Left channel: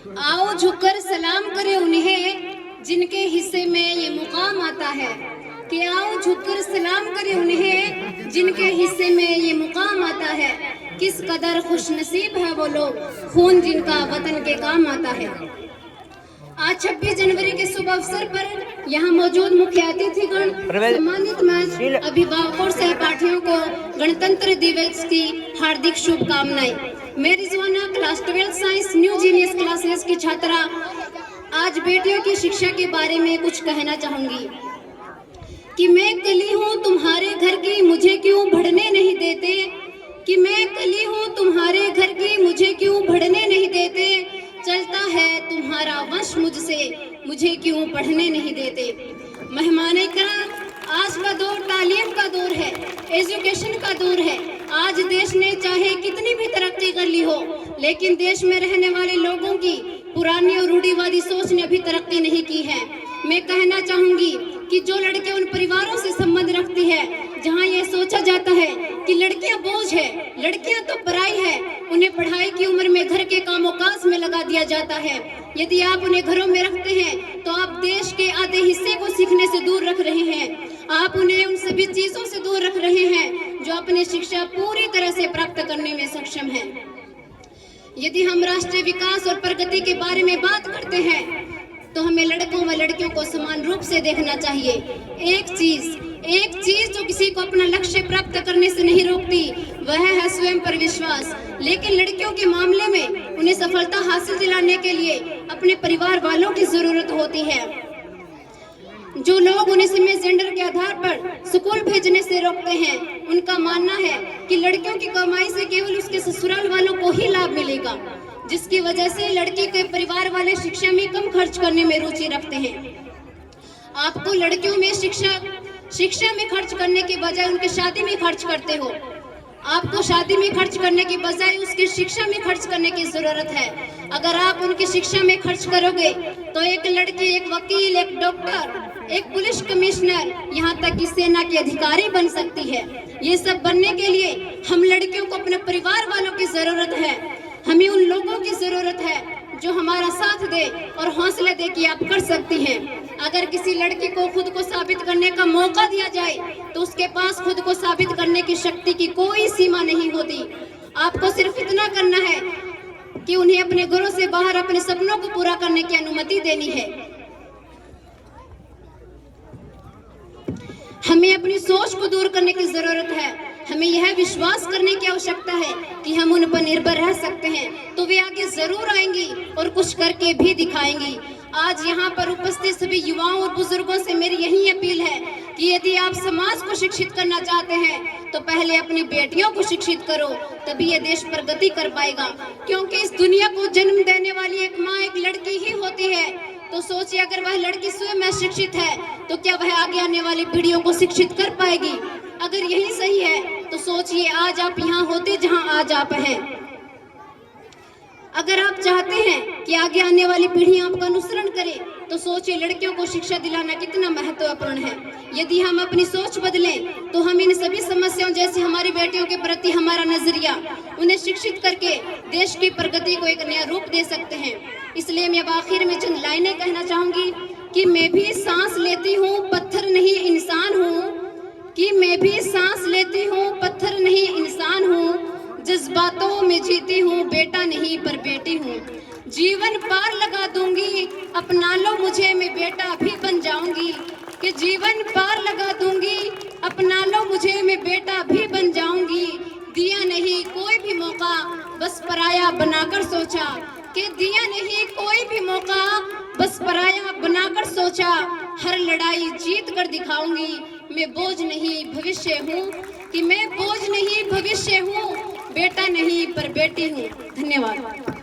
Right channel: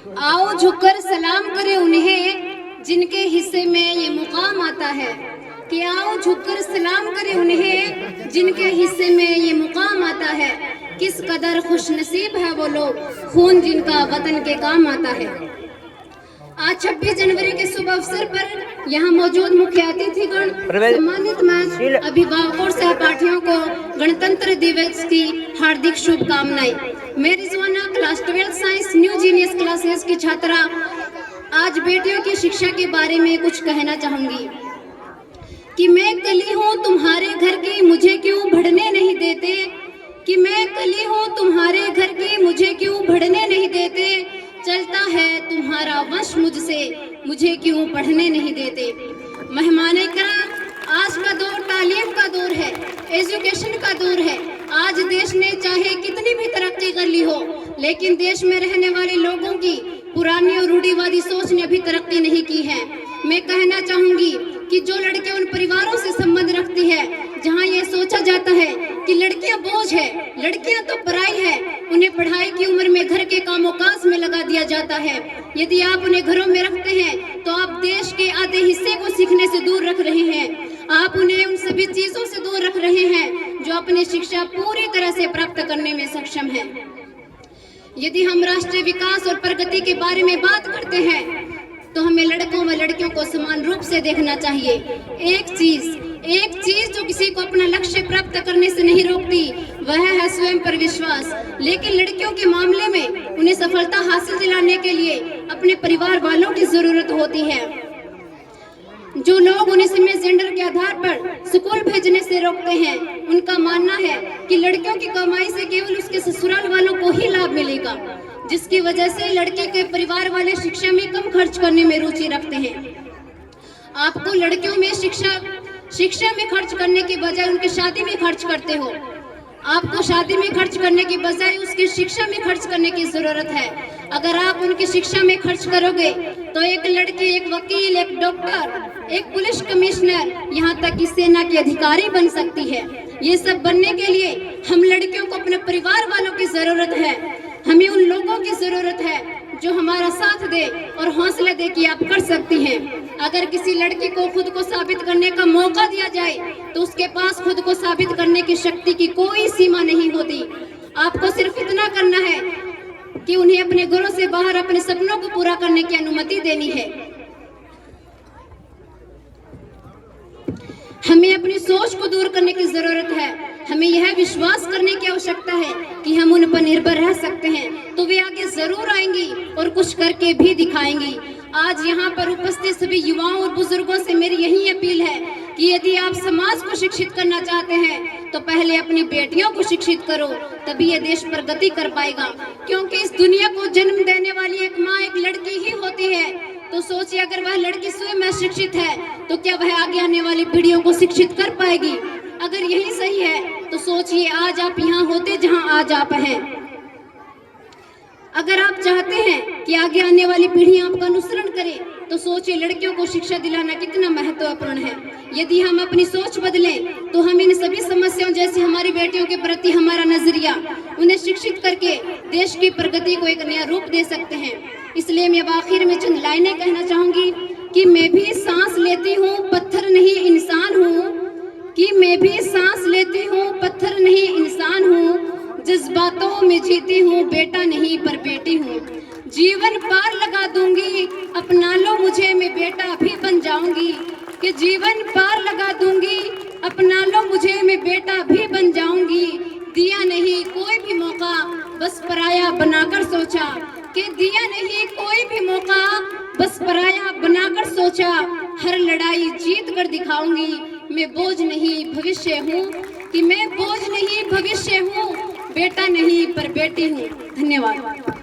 आओ झुककर सलाम करें उन्हें जिनके हिस्से में ये मुकाम आता है, कि आओ झुककर सलाम करें उन्हें जिनके हिस्से में ये मुकाम आता है। किस कदर खुशनसीब है वो लोग, खून जिनका वतन के काम आता है। आज 26 जनवरी के शुभ अवसर पर यहाँ मौजूद मुख्य अतिथिगण, सम्मानित मंच, अभिभावकों और सहपाठियों को गणतंत्र दिवस की हार्दिक शुभकामनाएं। मैं Rizwana class 12 science new genius classes की छात्रा आज बेटियों की शिक्षा के बारे में कुछ कहना चाहूंगी कि मैं कली हूँ तुम्हारे घर की, मुझे क्यों बढ़ने नहीं देते, कि मैं कली हूँ तुम्हारे घर की, मुझे क्यों बढ़ने नहीं देते, चलता है तुम्हारा वश मुझसे, मुझे क्यों पढ़ने नहीं देते। मेहमाने किराम, आज का दौर तालीम का दौर है, एजुकेशन का दौर है। आज देश ने चाहे कितनी भी तरक्की कर ली हो, लेकिन देश में रहने वाले लोगों की पुरानी और रूढ़िवादी सोच ने अभी तरक्की नहीं की है। मैं कहना चाहूंगी कि जो लड़के उन परिवारों से संबंध रखती है जहां ये सोचा जाता है कि लड़कियां बोझ है, लड़कियां तो पराई है, उन्हें पढ़ाई की उम्र में घर के कामों काज में लगा दिया जाता है। यदि आप उन्हें घरों में रखते हैं तो आप देश के आधे हिस्से को सीखने से दूर रख रहे हैं। आप उन्हें उन सभी चीजों से दूर रख रहे हैं जो अपनी शिक्षा पूरी तरह से प्राप्त करने में सक्षम है। यदि हम राष्ट्रीय विकास और प्रगति के बारे में बात करते हैं तो हमें लड़कों व लड़कियों को समान रूप से देखना चाहिए। एक चीज जो किसी को अपना लक्ष्य प्राप्त करने से नहीं रोकती, वह है स्वयं पर विश्वास। लेकिन लड़कियों के मामले में उन्हें सफलता हासिल दिलाने के लिए अपने परिवार वालों की जरूरत होती है। जो लोग उन्हें सीमित जेंडर के आधार पर स्कूल भेजने से रोकते हैं, उनका मानना है कि लड़कियों की कमाई से केवल उसके ससुराल वालों को ही लाभ मिलेगा, जिसकी वजह से लड़के के परिवार वाले शिक्षा में कम खर्च करने में रुचि रखते हैं। आपको लड़कियों में शिक्षा में खर्च करने के बजाय उनकी शादी में खर्च करते हो। आपको शादी में खर्च करने के बजाय उसकी शिक्षा में खर्च करने की जरूरत है। अगर आप उनकी शिक्षा में खर्च करोगे तो एक लड़की एक वकील, एक डॉक्टर, एक पुलिस कमिश्नर, यहाँ तक कि सेना की अधिकारी बन सकती है। ये सब बनने के लिए हम लड़कियों को अपने परिवार वालों की जरूरत है। हमें उन लोगों की जरूरत है जो हमारा साथ दे और हौसला दे कि आप कर सकती हैं। अगर किसी लड़की को खुद को साबित करने का मौका दिया जाए तो उसके पास खुद को साबित करने की शक्ति की कोई सीमा नहीं होती। आपको सिर्फ इतना करना है कि उन्हें अपने घरों से बाहर अपने सपनों को पूरा करने की अनुमति देनी है। हमें अपनी सोच को दूर करने की जरूरत है। हमें यह विश्वास करने की आवश्यकता है कि हम उन पर निर्भर रह सकते हैं, तो वे आगे जरूर आएंगी और कुछ करके भी दिखाएंगी। आज यहाँ पर उपस्थित सभी युवाओं और बुजुर्गों से मेरी यही अपील है कि यदि आप समाज को शिक्षित करना चाहते हैं तो पहले अपनी बेटियों को शिक्षित करो, तभी यह देश प्रगति कर पाएगा। क्योंकि इस दुनिया को जन्म देने वाली एक माँ एक लड़की ही होती है। तो सोचिए, अगर वह लड़की स्वयं अशिक्षित है तो क्या वह आगे आने वाली पीढ़ियों को शिक्षित कर पाएगी? अगर यही सही है तो सोचिए आज आप यहाँ होते जहाँ आज आप हैं। अगर आप चाहते हैं कि आगे आने वाली पीढ़ी आपका अनुसरण करे तो सोचिए लड़कियों को शिक्षा दिलाना कितना महत्वपूर्ण है। यदि हम अपनी सोच बदलें तो हम इन सभी समस्याओं जैसे हमारी बेटियों के प्रति हमारा नजरिया, उन्हें शिक्षित करके देश की प्रगति को एक नया रूप दे सकते हैं। इसलिए मैं अब आखिर में चंद लाइनें कहना चाहूंगी कि मैं भी सांस लेती हूँ, पत्थर नहीं इंसान हूँ, कि मैं भी सांस लेती हूँ, पत्थर नहीं इंसान हूँ, जज्बातों में जीती हूँ, बेटा नहीं पर बेटी हूँ। जीवन पार लगा दूंगी, अपना लो मुझे, मैं बेटा भी बन जाऊंगी, कि जीवन पार लगा दूंगी, अपना लो मुझे, मैं बेटा भी बन जाऊंगी। दिया नहीं कोई भी मौका, बस पराया बनाकर सोचा, कि दिया नहीं कोई भी मौका, बस पराया बनाकर सोचा। हर लड़ाई जीत कर दिखाऊंगी, मैं बोझ नहीं भविष्य हूँ, कि मैं बोझ नहीं भविष्य हूँ, बेटा नहीं पर बेटी हूँ। धन्यवाद।